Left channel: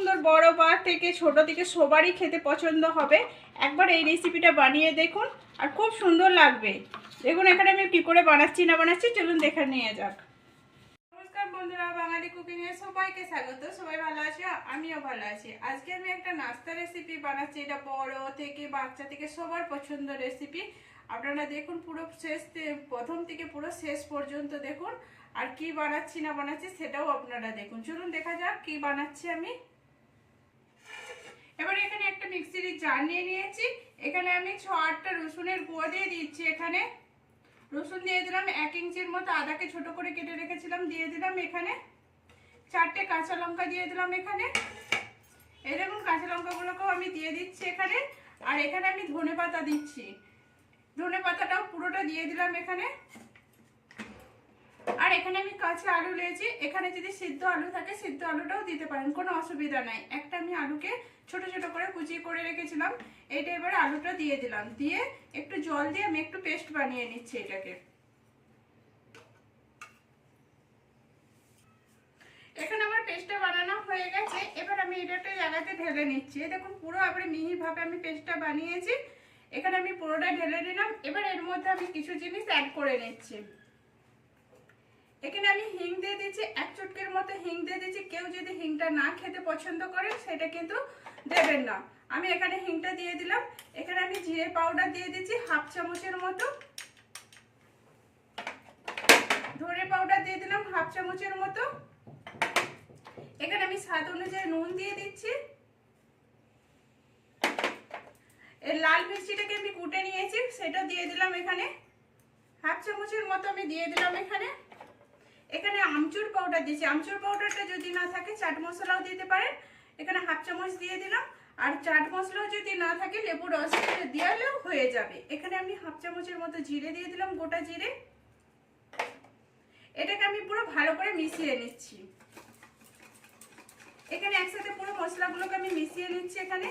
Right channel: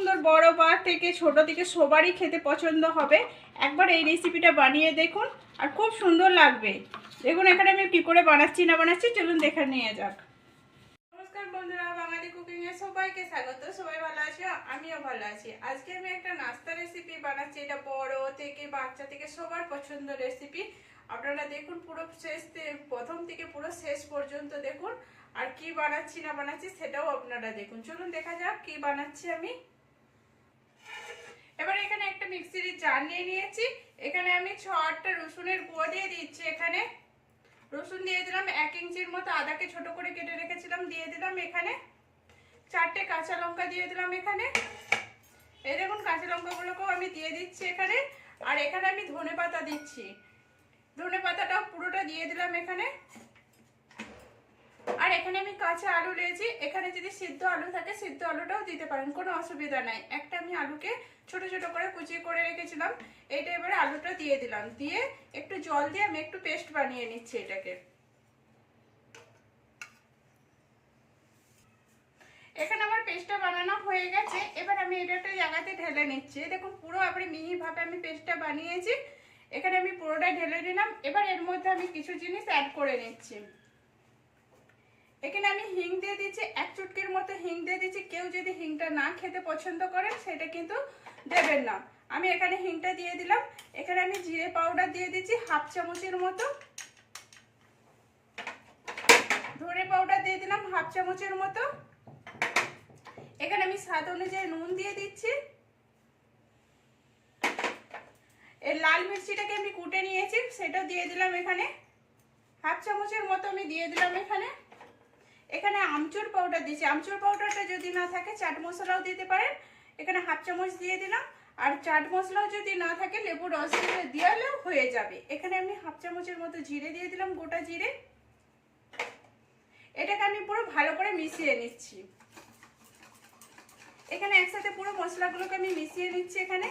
সুন্দর বড় বা থেকে ছোট থেকে সবারই খেতে পছন্দ হবে। একবার এই রেসিপিটা বানিয়ে দেখুন, আর খুব সুন্দর লাগবে। দেখুন, এখানে আমি কী করে বানাচ্ছি, না বানাচ্ছি, চলুন দেখে নিয়ে যাক। নমস্কার বন্ধুরা, বাঙালি কুকিংয়ে সবাইকে স্বাগত। সবাই ভালো আছে? আমিও ভালো আছি। আজকে আমি একটা নাস্তা রেসিপি বানাচ্ছি। এটা বড় থেকে বাচ্চা থেকে সবার পছন্দ রেসিপি আপনারা দেখুন, পুরো শেষ প্রথম থেকে পুরো শেষ পর্যন্ত দেখুন, আর কি বানাচ্ছি, না বানাচ্ছি, সেটাও আপনারা দেখুন। চলুন দেখা যাক কি বানাচ্ছি আমি। এবার এখানে একটা মিক্সির জার নিয়ে নিয়েছি। এখানে আমি ছ আটটা রসুনের গুঁড়ো দিয়ে দিচ্ছি এখানে। রসুন দিয়ে দিলাম এক ইঞ্চির মতো আদাকে ছোট করে কেটে রেখেছিলাম, দিয়ে দিলাম এখানে। চারটে কাঁচা লঙ্কা দিয়ে দিলাম এখানে। এই দেখুন, কাঁচা লঙ্কাগুলোকেও আমি দিয়ে দিচ্ছি এখানে। আর এখানে আমি ধনে পাতা দিচ্ছি। ধনে পাতাটাও পুরোটা দিয়ে দিলাম এখানে। আর এখানে আমি কাঁচা আলু নিয়েছি। এখানে যদি সিদ্ধ আলু থাকে, সিদ্ধ আলুটাও দিতে পারেন, কোনো অসুবিধা নাই। একটা আমি আলুকে ছোট ছোট করে কুচিয়ে করে রেখেছিলাম। এইটা এবারে আলুটা দিয়ে দিলাম। দিয়ে একটু জল দিয়ে আমি একটু পেস্ট বানিয়ে নিচ্ছি এটাকে। এখানে আমার পেস্টটা বানানো হয়ে গেছে। এবার আমি এটা একটা জায়গাতে ঢেলে নিচ্ছি। দেখুন, পুরো আবার মিহিভাবে আমি পেস্টটা বানিয়েছি। এখানে আমি পুরোটা ঢেলে নিলাম। এবার এর মধ্যে আমি কিছু জিনিস অ্যাড করে নিচ্ছি। এখানে আমি হিং দিয়ে দিচ্ছি, এক চুটকির মতো হিং দিয়ে দিচ্ছি। কেউ যদি হিংটা না খেতে পছন্দ করেন, সেটা কিন্তু দেবেন না। আমি এখানে হিংটা দিয়ে দিলাম। এখানে আমি জিরে পাউডার দিয়ে দিচ্ছি, হাফ চামচের মতো। ধনে পাউডার দিয়ে দিলাম, হাফ চামচের মতো। এখানে আমি স্বাদ অনুযায়ী নুন দিয়ে দিচ্ছি। এর লাল মিষ্টিটাকে আমি কুটে নিয়েছি সেটা দিয়ে দিলাম এখানে। হাফ চামচের মতো আমি দিয়ে দিলাম এখানে। এখানে আমচুর পাউডার দিচ্ছি আমচুর পাউডারটা যদি না থাকে, চাট মশলাও দিতে পারেন। এখানে হাফ চামচ দিয়ে দিলাম। আর চাট মশলাও যদি না থাকে, লেবু রস দিয়ালেও হয়ে যাবে। এখানে আমি হাফ চামচের মতো জিরে দিয়ে দিলাম, গোটা জিরে। এটাকে আমি পুরো ভালো করে মিশিয়ে নিচ্ছি। এখানে একসাথে পুরো মশলাগুলোকে আমি মিশিয়ে নিচ্ছি এখানে।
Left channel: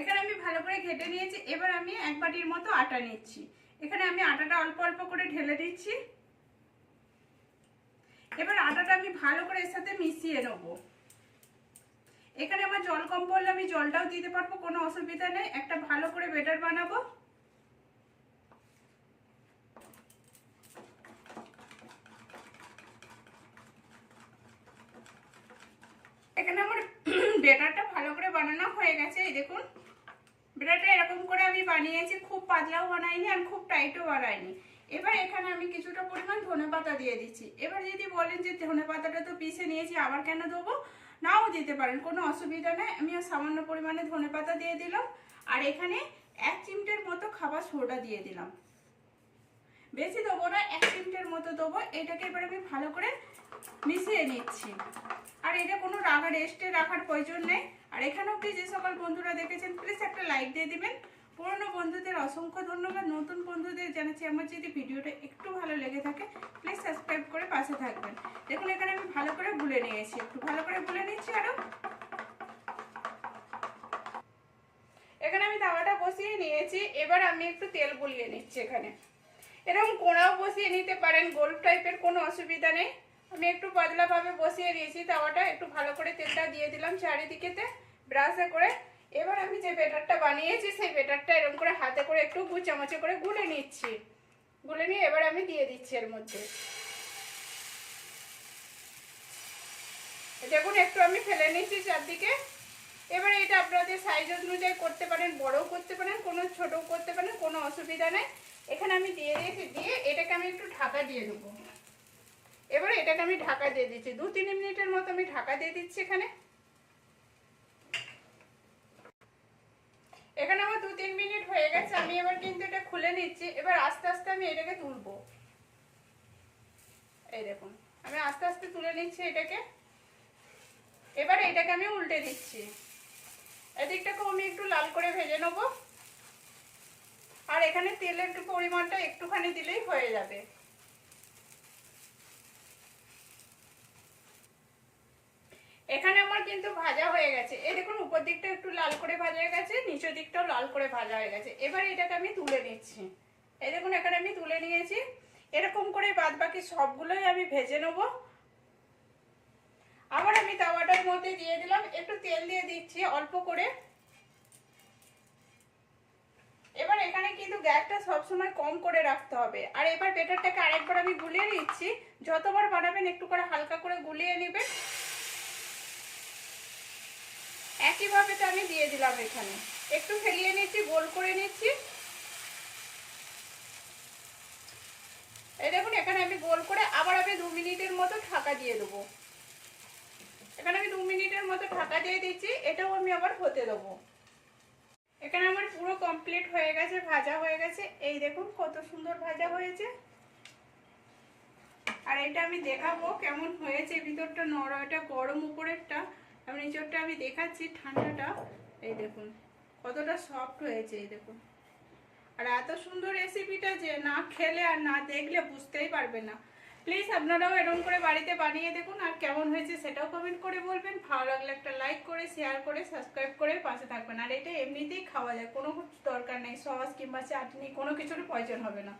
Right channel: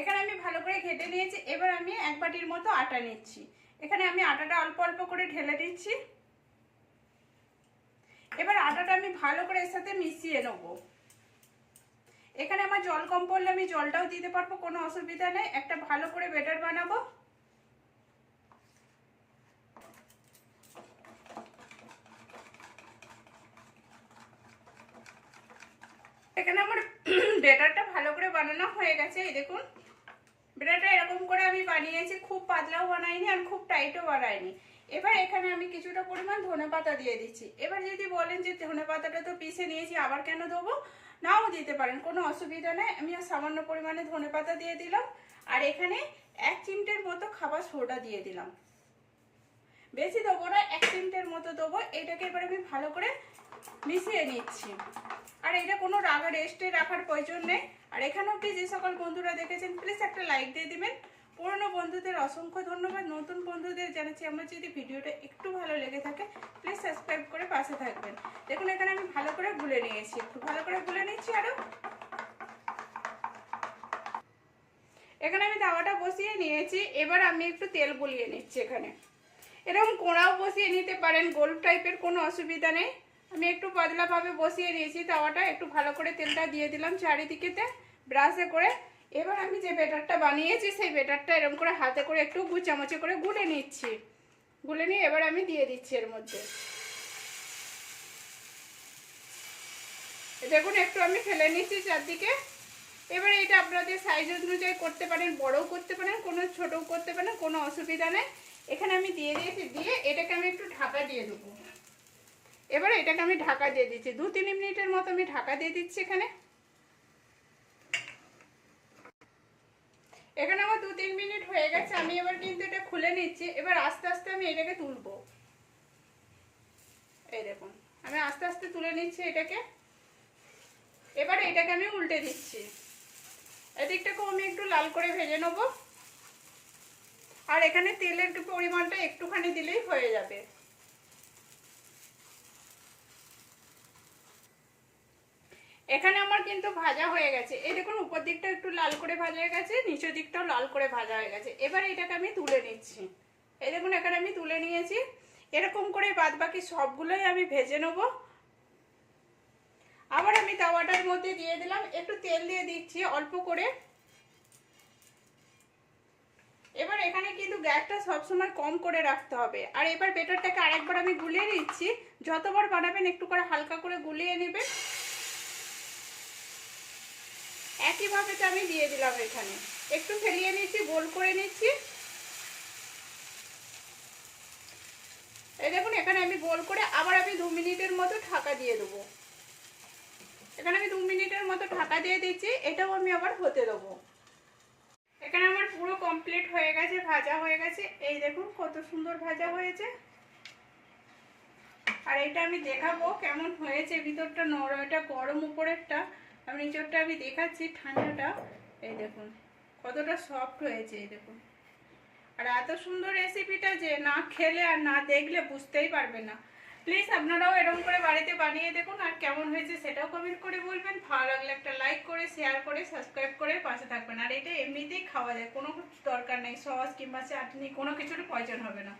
এখানে আমি ভালো করে ঘেটে নিয়েছি। এবার আমি এক বাটির মতো আটা নিচ্ছি। এখানে আমি আটাটা অল্প অল্প করে ঢেলে দিচ্ছি। এবার আটাটা আমি ভালো করে এর সাথে মিশিয়ে নেব। এখানে আমার জল কম পড়লে আমি জলটাও দিতে পারব, কোনো অসুবিধা নেই। একটা ভালো করে বেটার বানাবো। এখানে আমার বেটারটা ভালো করে বানানো হয়ে গেছে, এই দেখুন। বেটারটা এরকম করে আমি বানিয়েছি, খুব পাতলাও বানাইনি আর খুব টাইটও বানাইনি। এবার এখানে আমি কিছুটা পরিমাণ ধনে পাতা দিয়ে দিচ্ছি। এবার যদি বলেন যে ধনে পাতাটা তো পিষে নিয়েছি, আবার কেন দেবো? নাও দিতে পারেন, কোনো অসুবিধা নেই। আমি সামান্য পরিমাণে ধনে পাতা দিয়ে দিলাম। আর এখানে এক চিমটের মতো খাবার সোডা দিয়ে দিলাম। বেশি দেবো না, এক চিমটের মতো দেবো। এটাকে এবার আমি ভালো করে মিশিয়ে নিচ্ছি। আর এটা কোনো রাগা রেস্টে রাখার প্রয়োজন নেই। আর এখানে অব্দি যে সকল বন্ধুরা দেখেছেন প্লিজ একটা লাইক দিয়ে দিবেন। পুরনো বন্ধুদের অসংখ্য ধন্যবাদ। নতুন বন্ধুদের জানাচ্ছি আমার যদি ভিডিওটা একটু ভালো লেগে থাকে প্লিজ সাবস্ক্রাইব করে পাশে থাকবেন। দেখুন, এখানে আমি ভালো করে ভুলে নিয়েছি। একটু ভালো করে ভুলে নিচ্ছি আরও এখানে আমি তাওয়াটা বসিয়ে নিয়েছি। এবার আমি একটু তেল বলিয়ে নিচ্ছি এখানে। এরকম কোড়াও বসিয়ে নিতে পারেন। গোল টাইপের কোনো অসুবিধা নেই। আমি একটু পাতলাভাবে বসিয়ে নিয়েছি তাওয়াটা একটু ভালো করে তেলটা দিয়ে দিলাম চারিদিকেতে, ব্রাশে করে। এবার আমি যে বেটারটা বানিয়েছি, সেই বেটারটা এরকম করে হাতে করে একটু দু চামচে করে গুলে নিচ্ছি। গুলে নিয়ে এবার আমি দিয়ে দিচ্ছি এর মধ্যে। দেখুন, একটু আমি ফেলে নিচ্ছি চারদিকে। এবার এটা আপনাদের সাইজ অনুযায়ী করতে পারেন, বড়ও করতে পারেন, কোনো ছোটও করতে পারেন, কোনো অসুবিধা নেই। এখানে আমি দিয়ে দিয়েছি, দিয়ে এটাকে আমি একটু ঢাকা দিয়ে দেবো। এবার এটাকে আমি ঢাকা দিয়ে দিচ্ছি। দু তিন মিনিটের মতো আমি ঢাকা দিয়ে দিচ্ছি এখানে। এখানে আমার দু তিন মিনিট হয়ে গেছে, আমি এবার কিন্তু এটা খুলে নিচ্ছি। এবার আস্তে আস্তে আমি এটাকে তুলবো। এই দেখুন, আমি আস্তে আস্তে তুলে নিচ্ছি এটাকে। এবার এটাকে আমি উল্টে দিচ্ছি। এদিকটাকেও আমি একটু লাল করে ভেজে নেব। আর এখানে তেলের পরিমাণটা একটুখানি দিলেই হয়ে যাবে। এখানে আমার কিন্তু ভাজা হয়ে গেছে। এই দেখুন, উপর দিকটা একটু লাল করে ভাজা হয়ে গেছে, নিচের দিকটাও লাল করে ভাজা হয়ে গেছে। এবার এটাকে আমি তুলে নিচ্ছি। এই দেখুন, এখানে আমি তুলে নিয়েছি। এরকম করে বাদ বাকি সবগুলোই আমি ভেজে নেব। আবার আমি তাওয়াটার মধ্যে দিয়ে দিলাম। একটু তেল দিয়ে দিচ্ছি অল্প করে। এবার এখানে কিন্তু গ্যাসটা সবসময় কম করে রাখতে হবে। আর এবার বেটারটাকে আরেকবার আমি গুলিয়ে নিচ্ছি। যতবার বানাবেন একটু করে হালকা করে গুলিয়ে নেবেন। একইভাবে আমি দিয়ে দিলাম এখানে। একটু ফেলিয়ে নিচ্ছি, গোল করে নিচ্ছি। এই দেখুন, এখানে আমি গোল করে আবার আমি দু মিনিটের মতো ঢাকা দিয়ে দেবো। এখানে আমি দু মিনিটের মতো ঢাকা দিয়ে দিচ্ছি, এটাও আমি আবার হতে দেবো। এখানে আমার পুরো কমপ্লিট হয়ে গেছে, ভাজা হয়ে গেছে। এই দেখুন, কত সুন্দর ভাজা হয়েছে। আর এটা আমি দেখাবো কেমন হয়েছে, ভিতরটা নরম, এটা গরম উপরেরটা। আর নিচরটা আমি দেখাচ্ছি, ঠান্ডাটা। এই দেখুন, কতটা সফট হয়েছে, এই দেখুন। আর এত সুন্দর রেসিপিটা যে না খেলে আর না দেখলে বুঝতেই পারবে না। প্লিজ আপনারাও এরকম করে বাড়িতে বানিয়ে দেখুন আর কেমন হয়েছে সেটাও কমেন্ট করে বলবেন। ভালো লাগলে একটা লাইক করে শেয়ার করে সাবস্ক্রাইব করে পাশে থাকবেন। আর এটা এমনিতেই খাওয়া যায়, কোনো দরকার নেই। সস কিংবা চাটনি, কোনো কিছুর প্রয়োজন হবে না।